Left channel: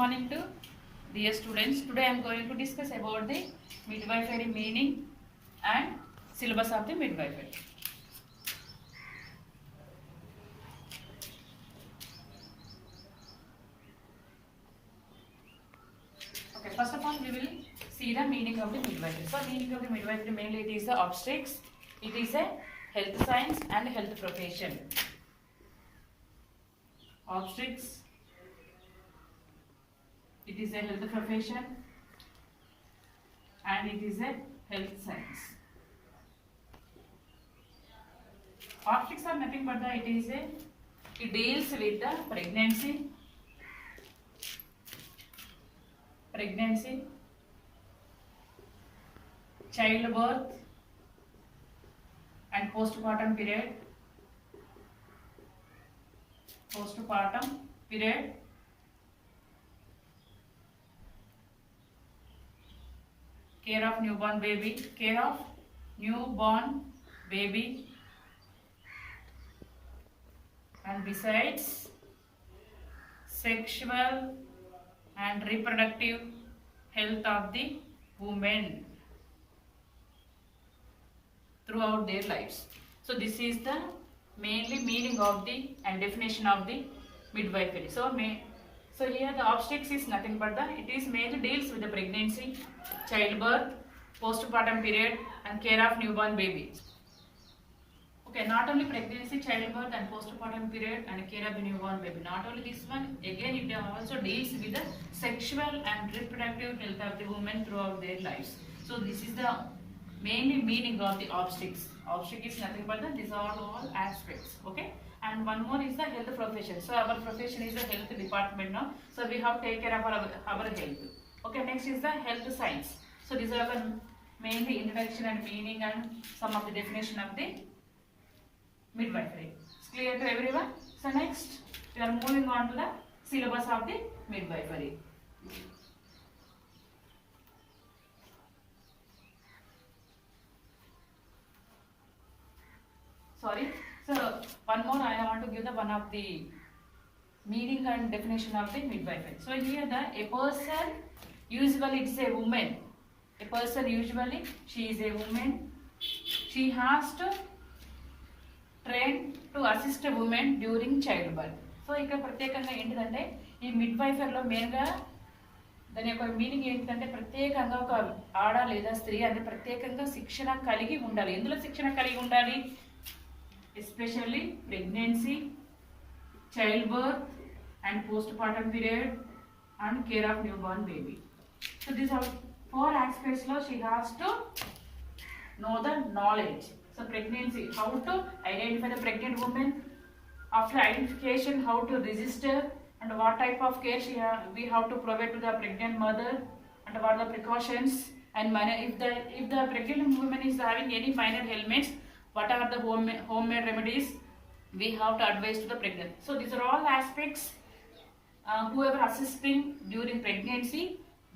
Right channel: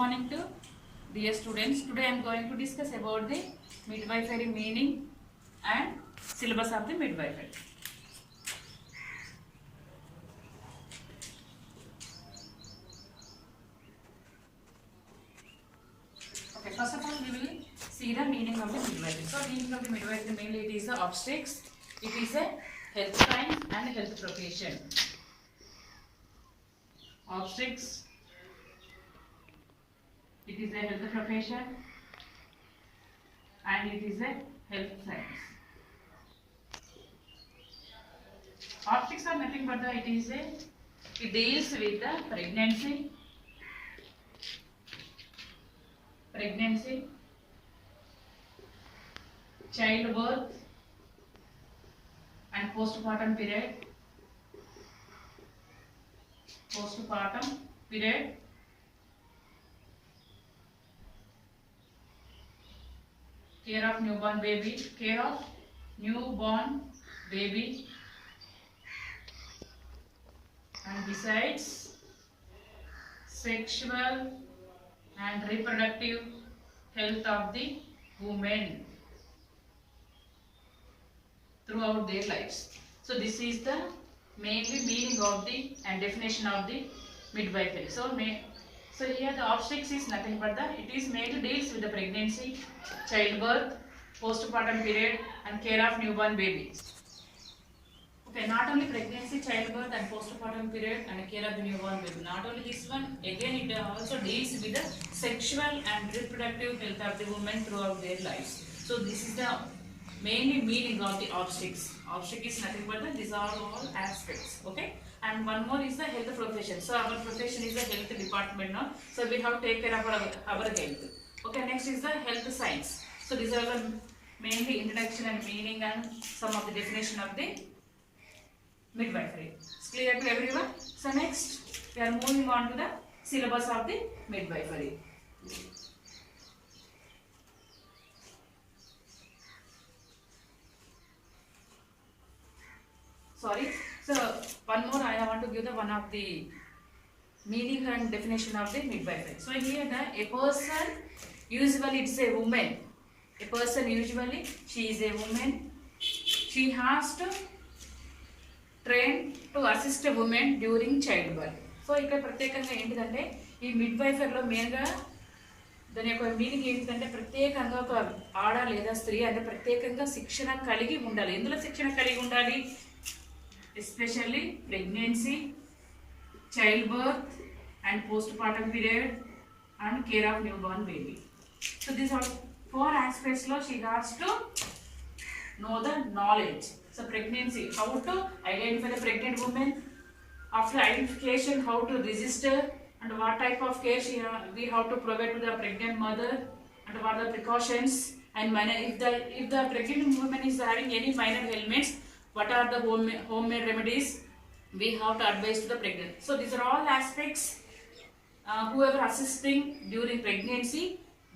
morning to dear students. Today I am going to discuss about the midwifery meaning and syllabus of the midwifery. Okay, first of all we will see the meaning of the midwifery. So meaning of the midwifery, mainly it is the obstetrics, it is a health science and health profession. Obstetrics, it is a health profession and it is a health science. Obstetrics are nothing but it deals with the pregnancy, childbirth and postpartum period, care of newborn baby, and besides sexual and reproductive health of the women throughout their lives. So this is the mainly meaning of the and definition of the midwifery. So here the obstetrics is nothing but it is mainly deals with the pregnancy, childbirth, postpartum period and care of newborn babies. Okay, not only pregnancy, childbirth and postpartum period and care of the newborn baby. Not only this one, again it also deals with the sexual and reproductive health of the women throughout their lives. So this is the mainly meaning of the obstetrics. Obstetrics is nothing but these are all aspects. Okay, and one more is the health profession. So our profession is the health department now. So we have to take care of our health. Okay, next is the health science. So these are the mainly introduction and meaning and some of the definition of the midwifery. It's clear to everyone? So next we are moving on to the syllabus of the midwifery. So one more I want to give the one of the meaning and definition of the midwifery. So here a person, usually it's a woman. A person usually she is a woman. She has to train to assist a woman during childbirth. So ఇక్కడ ప్రత్యేకంగా ఏంటిదంటే ఈ మిడ్వైఫర్లో మెయిన్గా దాని యొక్క మీనింగ్ ఏంటంటే ప్రత్యేకంగా ఒక ఆడ లేదా స్త్రీ అంటే ప్రత్యేకంగా శిక్షణ కలిగి ఉండాలి. ఎందులో శిక్షణ కలిగి ఉండాలి? Especially pregnancy, childbirth and postpartum period and care of newborn baby. So these are four aspects lo she has to know the knowledge. So pregnancy, how to identify the pregnant woman. After identification, how to register and what type of care we have to provide to the pregnant mother and what are the precautions and if the pregnant woman is having any minor ailments, what are the homemade remedies we have to advise to the pregnant. So these are all aspects whoever assisting during pregnancy,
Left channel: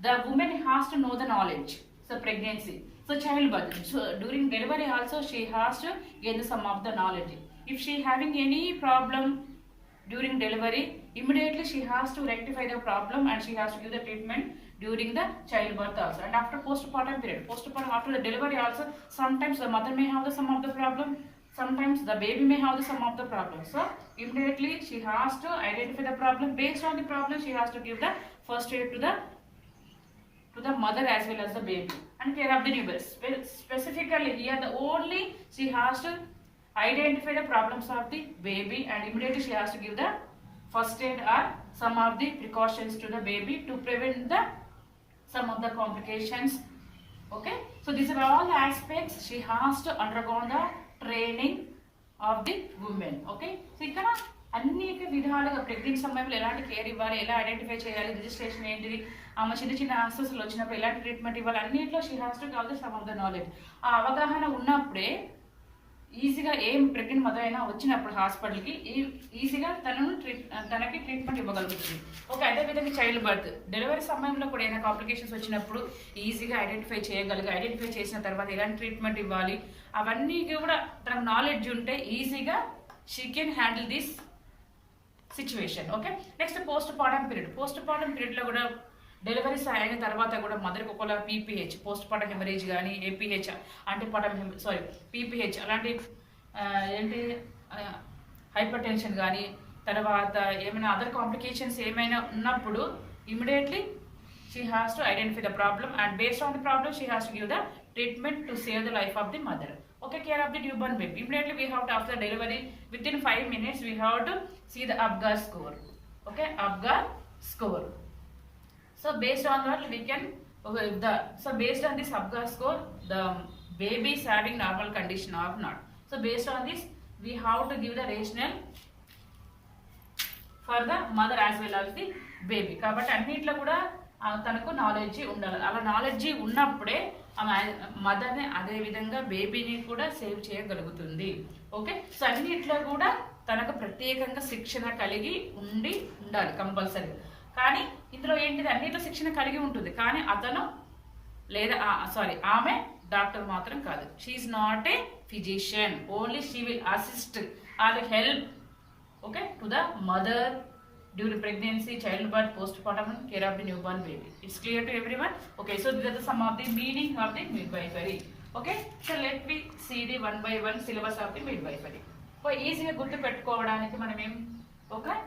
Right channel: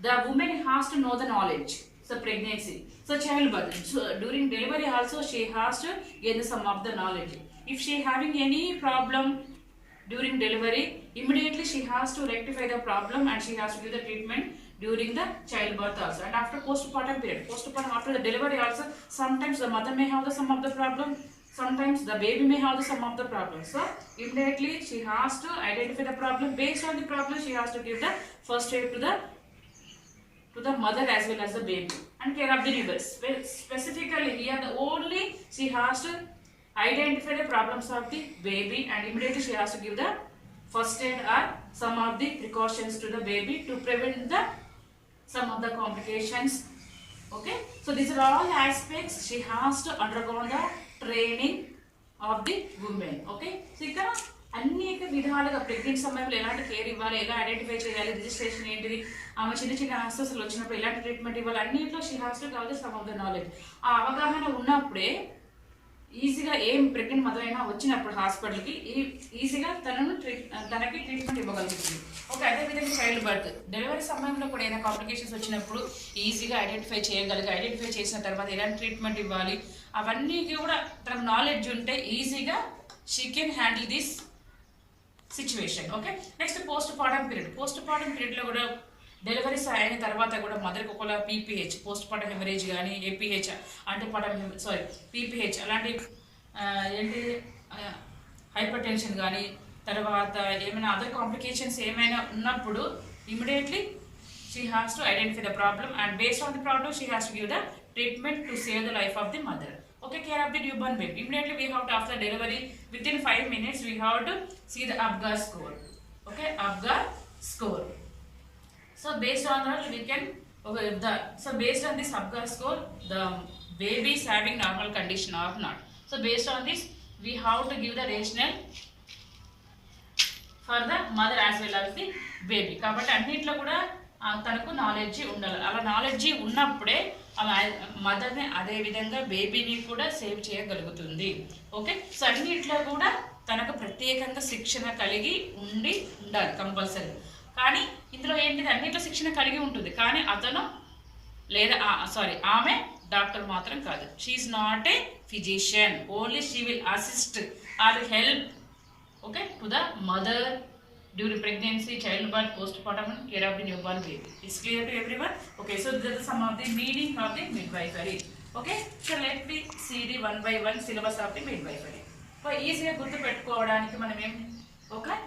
the woman has to know the knowledge. So pregnancy, so childbirth, so during delivery also she has to gain some of the knowledge. If she having any problem during delivery, immediately she has to rectify the problem and she has to give the treatment during the childbirth also. And after postpartum period, after the delivery also, sometimes the mother may have some of the problem, sometimes the baby may have some of the problem. So immediately she has to identify the problem. Based on the problem, she has to give the first aid to the mother as well as the baby and care of the newborn. Specifically here, only she has to identify the problems of the baby and immediately she has to give the first aid or some of the precautions to the baby to prevent some of the complications. Okay, so these are all aspects she has to undergo the training of the women. Okay, so ఇక్కడ అనేక విధాలుగా ప్రెగ్నెంట్ సమయంలో ఎలాంటి కేర్ ఇవ్వాలి, ఎలా ఐడెంటిఫై చేయాలి, రిజిస్ట్రేషన్ ఏంటిది, ఆమె చిన్న హాస్పిటల్స్ వచ్చినప్పుడు ఎలాంటి ట్రీట్మెంట్ ఇవ్వాలి, అన్నింటిలో she has to cover the sum of the knowledge. ఆ అవగాహన ఉన్నప్పుడే ఈజీగా ఏం ప్రెగ్నెంట్ మదర్ అయినా వచ్చినప్పుడు హాస్పిటల్కి ఈజీగా తనకి ట్రీట్మెంట్ ఇవ్వగలుగుతుంది. ఓకే, అదేవిధంగా చైల్డ్ బర్త్ డెలివరీ సమయంలో కూడా ఏదైనా కాంప్లికేషన్స్ వచ్చినప్పుడు ఈజీగా ఐడెంటిఫై చేసిన తర్వాత ఎలాంటి ట్రీట్మెంట్ ఇవ్వాలి అవన్నీ కూడా తనకు నాలెడ్జ్ ఉంటే ఈజీగా she can handle this situation. Okay, next post partum period. Post partum పీరియడ్లో కూడా డెలివరీస్ అయిన తర్వాత కూడా మదర్కి ఒకవేళ పీపీహెచ్ పోస్ట్ పార్టమ్ హెమరేజ్ కానీ ఏపీహెచ్ అంటే పీపీహెచ్ అలాంటి ఏంటి హైపర్ టెన్షన్ కానీ తర్వాత ఏమైనా అదర్ కాంప్లికేషన్స్ ఏమైనా ఉన్నప్పుడు immediately she has to identify the problem and based on the problem she has to give the treatment to save the life of the mother. Okay, care of the newborn baby. Immediately we have to, after delivery, within 5 minutes we have to see the APGAR score. Okay, APGAR score. So based on that we can based on this APGAR score the baby is having normal condition or not. So based on this we have to give the rationale for the mother as well as the baby. కాబట్టి అన్నిట్లో కూడా తనకు నాలెడ్జీ ఉండాలి. అలా నాలెడ్జీ ఉన్నప్పుడే మదర్ని అదే విధంగా బేబీని కూడా సేవ్ చేయగలుగుతుంది. ఓకే, సో అన్నిట్లో కూడా తనకు ప్రత్యేకంగా శిక్షణ కలిగి ఉండాలి కంపల్సరీ. కానీ ఇందులో ఏంటిది, అన్నిట్లో శిక్షణ కలిగి ఉంటుంది కానీ అతను లేదా ఆమె డాక్టర్ మాత్రం కాదు. She is not a physician, only she will assist or help okay to the mother during pregnancy, childbirth, postpartum and care of the newborn baby. It's clear to everyone? Okay, so these are some of the meaning of the midwifery. Okay, so let me see the one by one syllabus of the midwifery. So easy ga gurtu pettukovadaniki manam em okay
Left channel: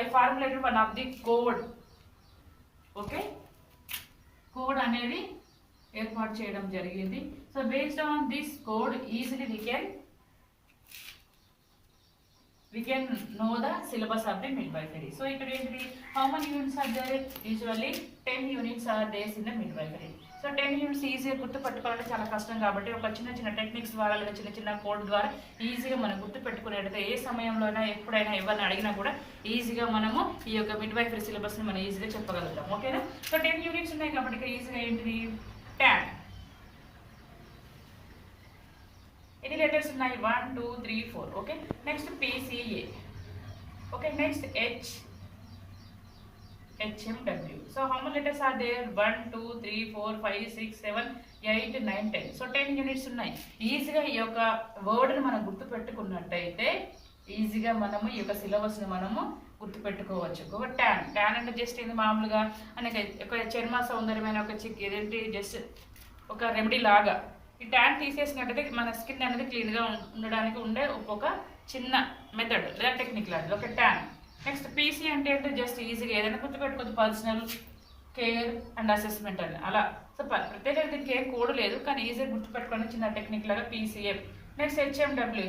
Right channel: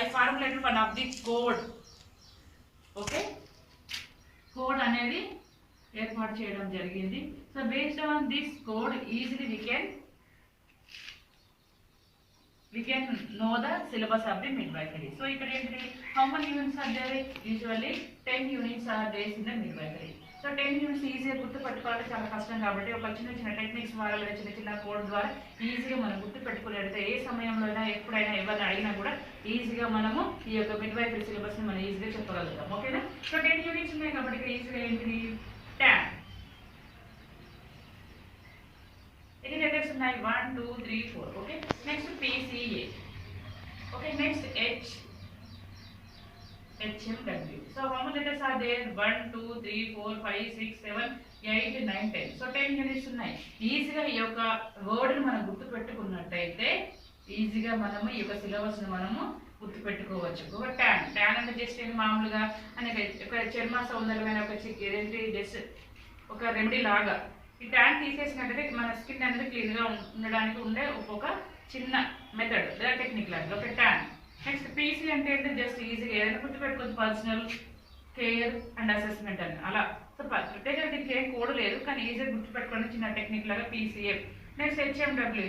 I formulated one of the code. Okay, code anedi ఏర్పాటు చేయడం జరిగింది. So based on this code easily we can know the syllabus of the midwifery. So ikkada enti how many units are there? Usually 10 units are there in the midwifery. So 10 units easy ga gurtu pettukovalante chaala kashtam kabatti oka chinna techniques ద్వారా లేదా చిన్న కోడ్ ద్వారా ఈజీగా మనం గుర్తు పెట్టుకునేటైతే ఏ సమయంలో అయినా ఎప్పుడైనా ఎవరిని అడిగినా కూడా ఈజీగా మనము ఈ యొక్క midwifery syllabus ని మనం ఈజీగా చెప్పగలుగుతాం. ఓకేనా? సో 10 యూనిట్స్ ఉన్నాయి కాబట్టి ఇక్కడ ఈజీగా ఏంటిది TAN. Any letters ఉన్నాయి 1 2 3 4. Okay, next PCA. Okay, next HMW. So how many letters are there? 1 2 3 4 5 6 7 8 9 10. So 10 units ఉన్నాయి. ఈజీగా ఈ యొక్క వర్డ్ ని మనం గుర్తు పెట్టుకున్నట్టయితే ఈజీగా మనము ఈ యొక్క సిలబస్ ని మనము గుర్తు పెట్టుకోవచ్చు. ఒక ట్యాన్ అంటే జస్ట్ ఇది మామూలుగా అనేక ఒక చర్మ సౌందర్యమైన ఒక ఏదేంటి జస్ట్ ఒక రెమెడీ లాగా. ఈ ట్యాన్ తీసేసినట్టయితే మన స్కిన్ అనేది క్లీన్గా ఉండడానికి ఉండే ఒక చిన్న మెథడ్ లేదా టెక్నిక్ లాంటిది ఒక ట్యాన్. నెక్స్ట్ పీసీ అంటే ఏంటంటే జస్ట్ ఈజీగా ఏదైనా గుర్తుపెట్టుకోవచ్చు, పర్సనల్ కేర్ అండ్ అసెస్మెంట్ అని అలా. సో ప్రత్యేకంగా దీనికి ఏం కోడ్ లేదు కానీ ఈజీగా గుర్తుపెట్టుకోవడానికి చిన్న టెక్నిక్ లాగా పీసీఏ. నెక్స్ట్ హెచ్ఎండబ్ల్యూ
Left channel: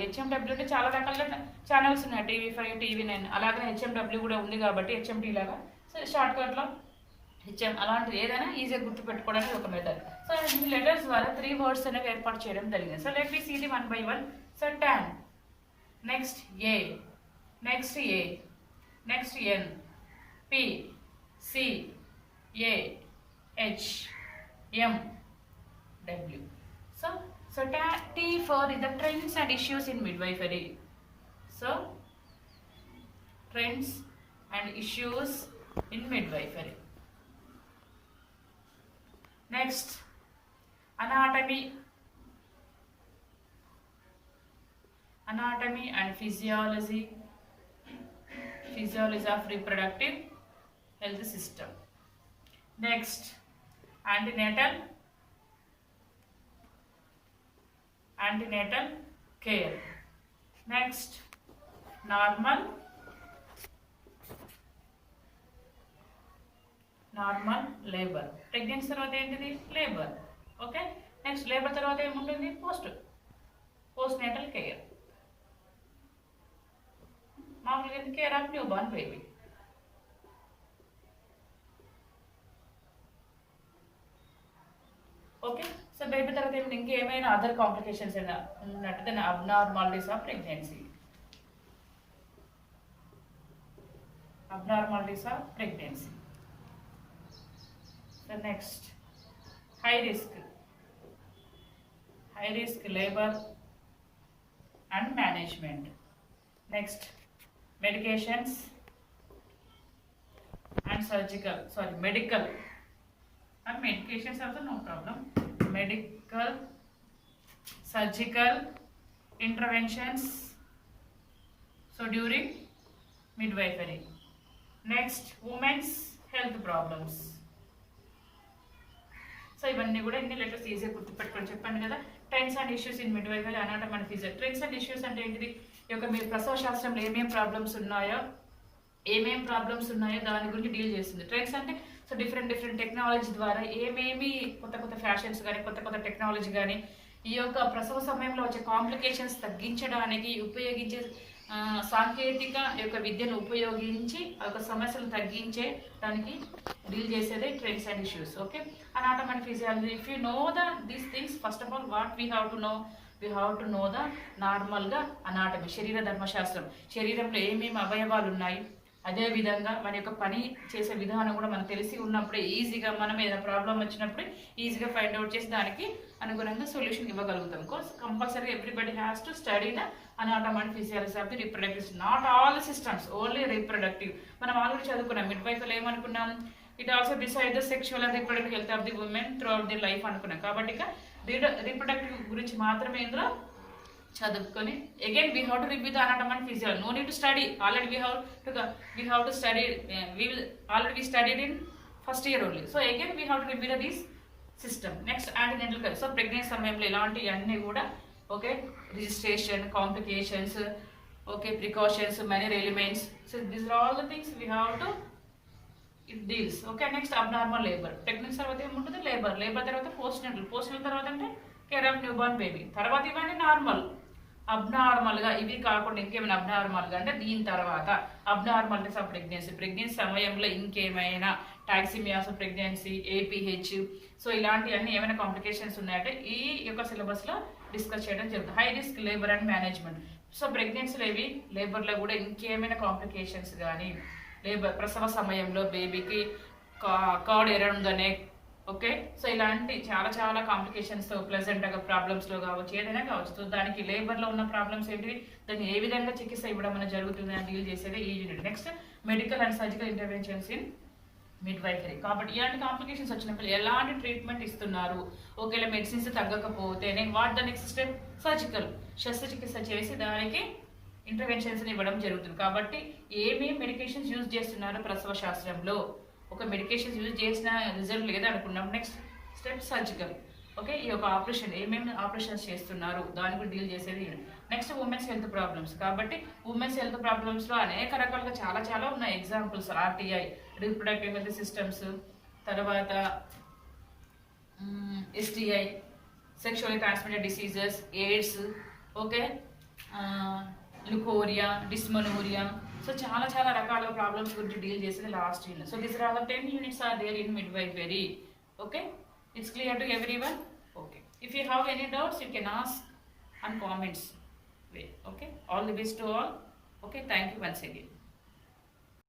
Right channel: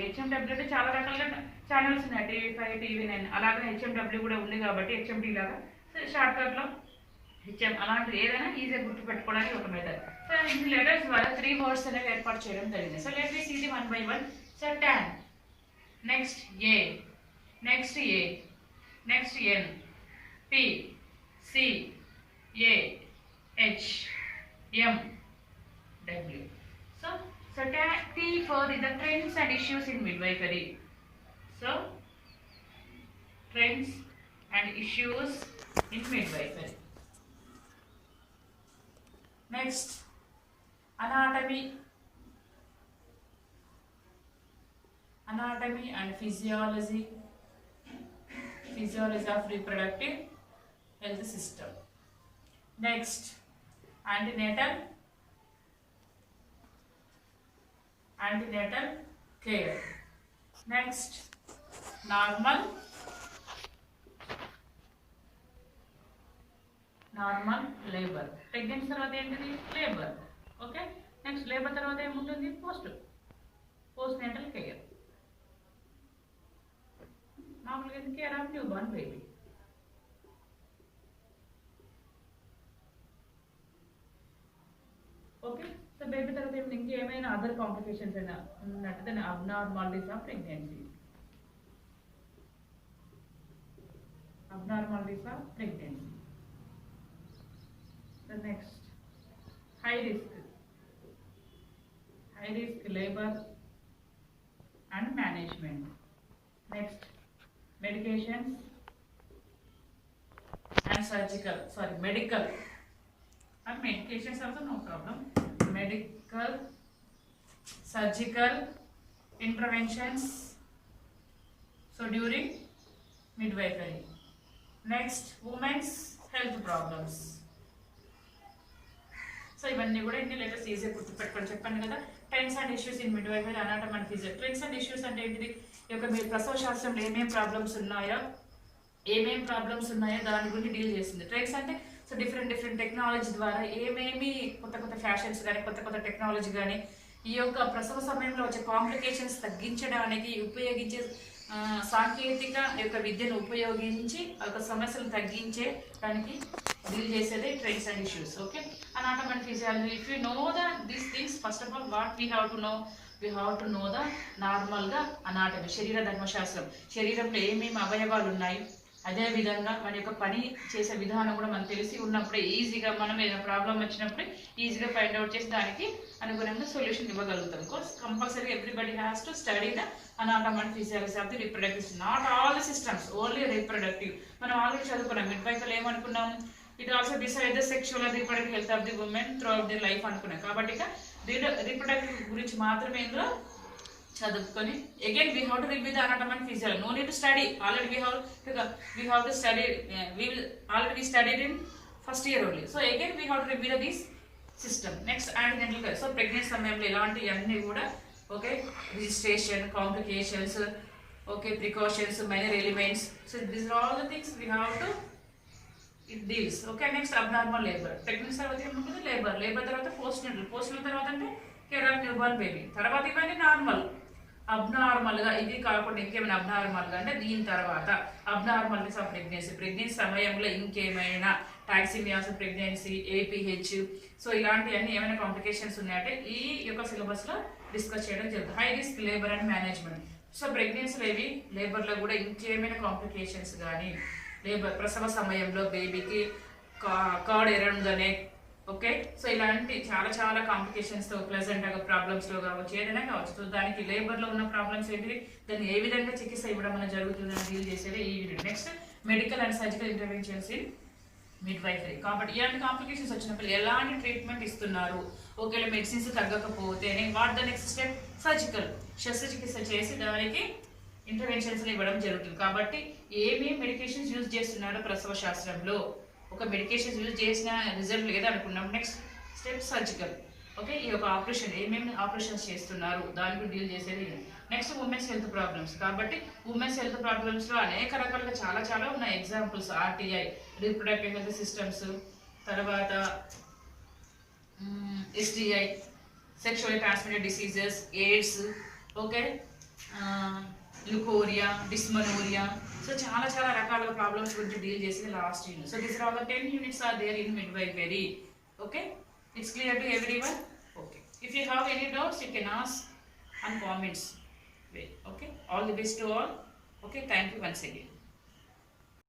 అంటే చాలా రకాలుగా ఛానల్స్ ఉన్నాయి, TV5 TV9 అలాగే హెచ్ఎండబ్ల్యూ కూడా ఉంది కాబట్టి హెచ్ఎండి లాగా. సో షార్ట్కట్లో హెచ్ఎం అలాంటిది ఏదైనా ఈజీగా గుర్తుపెట్టుకోవడానికి ఒక మెథడ్. సో ఈ లెటర్స్ ద్వారా 3 వర్డ్స్ అనేవి ఏర్పాటు చేయడం జరిగింది. So let me see the one by one. So tan, next A, next N, P, C, A, H, M, W. So T for the trends and issues in midwifery. So trends and issues in midwifery. Next, anatomy and physiology of reproductive health system. Next, antenatal care. Next, normal labor. Pregnancy తర్వాత ఏంటిది labour. Okay, next labour తర్వాత ఏముంటుంది post natal care, మామూలుగా care of new born baby. Okay, so baby తర్వాత ఏమిటి ఇంకేమైనా other complications అయినా ఉన్నట్టు దాన్ని abnormalities of pregnancy. The next, high risk labor and management. Next, medications and medical and medications also no problem. Medical, surgical interventions. So during midwifery. Next, women's health problems. So ఇవన్నీ కూడా ఇన్ని లెటర్స్ ఈజీగా గుర్తుపెట్టుకొని చెప్పాను కదా. Trends and issues in midwifery, anatomy and physiotherapy. Trends and issues అంటే ఏంటిది? ఈ యొక్క మీ ప్రసవ శాస్త్రంలో ఏమేమి ప్రాబ్లమ్స్ ఉన్నాయో దాని గురించి డీల్ చేస్తుంది. ట్రెండ్స్ అంటే సో డిఫరెంట్ టెక్నాలజీ ద్వారా ఏమేమి కొత్త ఫ్యాషన్స్ కానీ కొత్త టెక్నాలజీ కానీ ఈ యొక్క ప్రసవ సమయంలో వచ్చే కాంప్లికేషన్స్ తగ్గించడానికి ఉపయోగించే సాంకేతిక యొక్క విద్యను ఉపయోగించి ఆ యొక్క సమస్యలను తగ్గించే దానికి డీల్ చేసేదే trends and issues. Okay, anatomy and physiology. If you know these things, first of all what we have to know the నార్మల్గా అనాటమీ, శరీర ధర్మశాస్త్రం, శరీరంలో ఏమేమి అవయవాలు ఉన్నాయి, అదేవిధంగా మన యొక్క పని చేసే విధానం కూడా మనకు తెలిసి ఉన్నప్పుడే ఈజీగా మనం ఏదైనా ప్రాబ్లం వచ్చినప్పుడు ఈజీగా ఫైండ్ అవుట్ చేసి దానికి అనుగుణంగా సొల్యూషన్ ఇవ్వగలుగుతాం. Course compulsory everybody has to study the anatomy and physiology of the reproductive, not all systems, only reproductive. మనం ఆల్రెడీ చదువుకున్నాం మిడ్వైఫర్లో ఏమనుకున్నాం, it also decide the sexual and reproductive health of the women throughout the life అనుకున్నాం. కాబట్టి ఇక reproductive గురించి మాత్రమే ఇందులో చదువుకొని again we have to review the anatomy and physiology. No need to study, already we have to study, we studied in first year only. So again we have to review this system. Next, antenatal care. So pregnancy సమయంలో ఇలాంటి అన్నీ కూడా okay, registration, complications, okay, precautions, many elements. So these are all the things we have to it deals. Okay, next abnormal labour. Pregnancy తర్వాత ఏముంటుంది? Labour తర్వాత postnatal తర్వాత అంటే care of new born baby. తర్వాత ఇవన్నీ నార్మల్. అబ్నార్మల్గా ఇవి కాకుండా ఇంకేమైనా అబ్నార్మల్గా అంటే దీని తర్వాత అబ్నార్మల్నెస్ ఆఫ్ ప్రెగ్నెన్సీ సమయంలో ఇంకేమైనా టాక్సిమియాస్ ప్రెగ్నెన్సీ, ఏపీహెచ్, సో ఇలాంటివన్నీ ఏమైనా కాంప్లికేషన్స్ ఉన్నాయంటే ఈ యొక్క సిలబస్లో డిస్కస్ చేయడం జరుగుతుంది. High risk labour and management. So ప్రెగ్నెన్సీలో ఇవి, లేబర్లో కూడా ఇంకేమైనా కాంప్లికేషన్స్ కానీ, ప్రసవ సమయంలో బేబీకి card around the neck, okay, so ఇలాంటి చాలా కాంప్లికేషన్స్తో ప్లెజెంట్గా ప్రాబ్లమ్స్లో కావచ్చు, ఏదైనా కావచ్చు. సో దానికి లేబర్లో ఉన్న ప్రాబ్లమ్స్ ఏంటివి, దాన్ని ఏ విధంగా చికిత్స ఇవ్వడం అనేది జరుగుతుంది అని డీల్ చేసేది ఈ unit. Next, medical and surgical interventions in midwifery. కాబట్టి ఇలాంటి కాంప్లికేషన్స్ వచ్చినప్పుడు ఎలాంటి ట్రీట్మెంట్ ఇస్తున్నారు, ఒకవేళ మెడిసిన్స్ తగ్గకపోతే what the next step, surgical శస్త్రచికిత్స చేసి దానికి ఇంటర్వెన్షన్స్ ఇవ్వడం జరుగుతుంది. కాబట్టి ఏమేమి మెడికేషన్స్ యూజ్ చేస్తున్నారు ప్రసవ శాస్త్రంలో, ఒక మెడికేషన్స్ యూజ్ చేసిన రిజల్ట్ లేదా అనుకున్నాం. Next step surgical. ఓకే, ఈ యొక్క ఆపరేషన్ ఏమేమి ఆపరేషన్స్ చేస్తున్నారు దాని గురించి డీల్ చేసేది. Next women's health problems. కాబట్టి ఉమెన్స్ హెల్త్ ప్రాబ్లమ్స్లో అనేక రకాలుగా చాలా ఉన్నాయి examples. RTI, reproductive health systems, తర్వాత STI, sexually transmitted diseases, AIDS, okay, leucorrhoea, dysmenorrhoea. So చాలా రకాల ప్రాబ్లమ్స్ గురించి డీల్ చేసేది last unit. So this are all the 10 units are there in midwifery. Okay, it's clear to everyone? Okay, if you have any doubts you can ask on comments way. Okay, all the best to all. Okay, thank you once again.